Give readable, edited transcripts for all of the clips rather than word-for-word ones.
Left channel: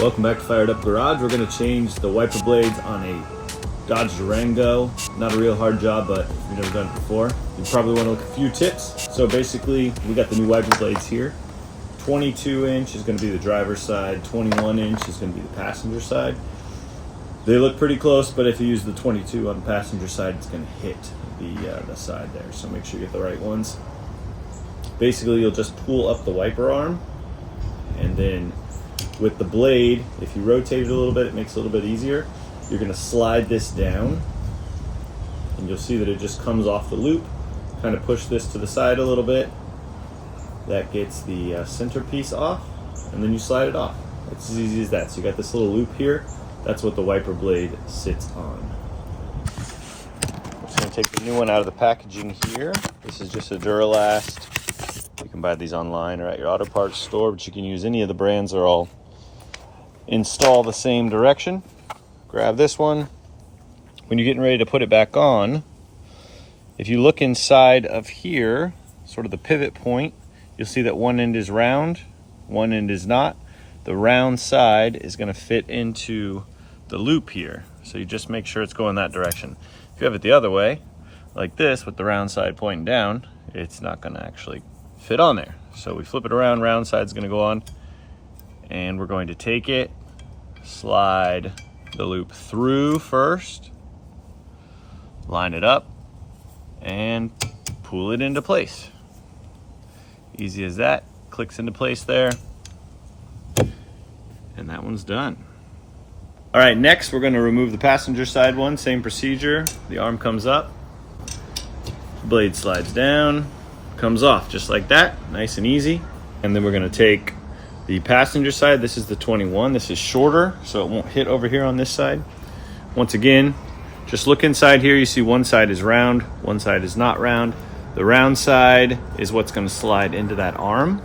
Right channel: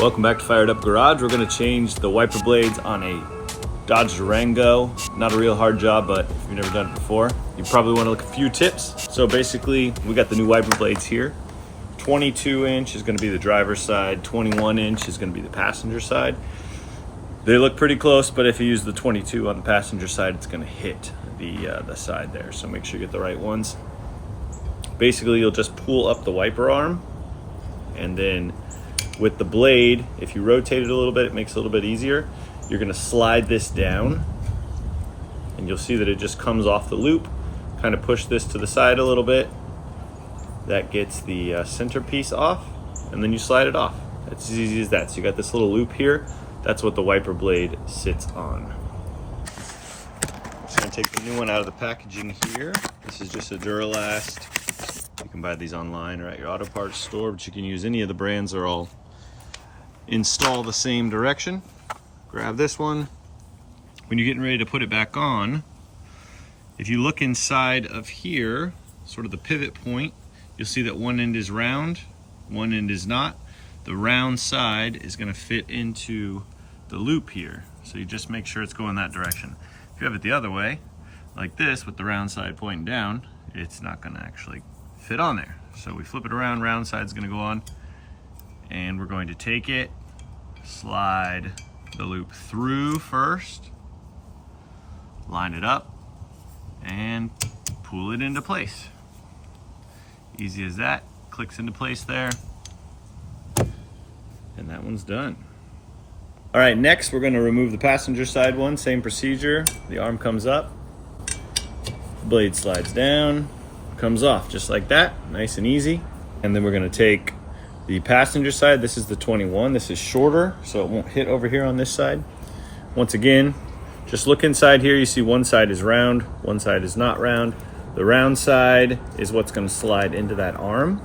Welcome back to Fired Up Garage. We're going to change the wiper blades on a Dodge Durango. Not a real hard job, but if you've never done it before, you probably want to look at a few tips. So basically, we got the new wiper blades here. 22 inch is going to be the driver's side, 21 inch is going to be the passenger side. They look pretty close, but if you use the 22 on the passenger side, it's going to hit the side there. So make sure you get the right ones. Basically, you'll just pull up the wiper arm, and then with the blade, if you rotate it a little bit, it makes it a little bit easier. You're going to slide this down, and you'll see that it just comes off the loop. Kind of push this to the side a little bit. That gets the centerpiece off, and then you slide it off. It's as easy as that. So you got this little loop here. That's what the wiper blade sits on. I'm just going to take the new one out of the packaging here. This is just a Duralast. You can buy these online or at your auto parts store, but you can use any of the brands. They're all install the same direction. Grab this one. When you're getting ready to put it back on, if you look inside of here, sort of the pivot point, you'll see that one end is round, one end is not. The round side is going to fit into the loop here. So you just make sure it's going that direction. If you have it the other way, like this, with the round side pointing down, it's not going to actually fit on there. So we flip it around, round side's going to go on, and we're going to take it, slide the loop through first, line it up, and pull it into place. Easy as that. Clicks into place there, and that one's done. All right, next we're going to remove the passenger side one. Same procedure. The arm comes up, blade slides down, comes off just like that, nice and easy. And then we're going to take the passenger side. This is the 21. This is shorter, so it won't hit over here on this side. Once again, just look inside here. You see one side is round, one side is not round. The round side is what's going to slide into that arm.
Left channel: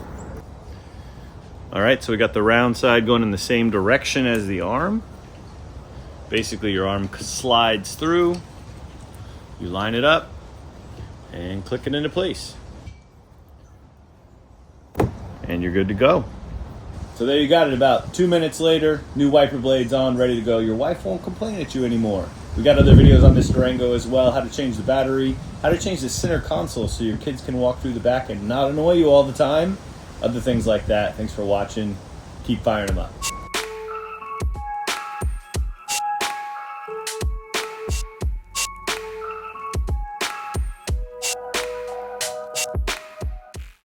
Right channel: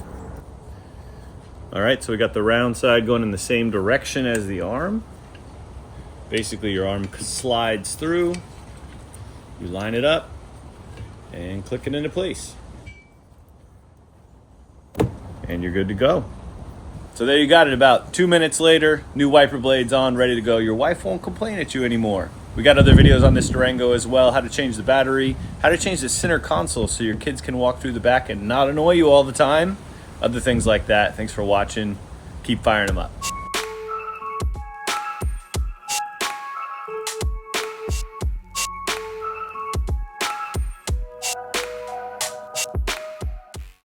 All right, so we got the round side going in the same direction as the arm. Basically, your arm slides through, you line it up, and click it into place. And you're good to go. So there you got it. About 2 minutes later, new wiper blades on, ready to go. Your wife won't complain at you anymore. We got other videos on this Durango as well, how to change the battery, how to change the center console so your kids can walk through the back and not annoy you all the time, other things like that. Thanks for watching. Keep firing them up.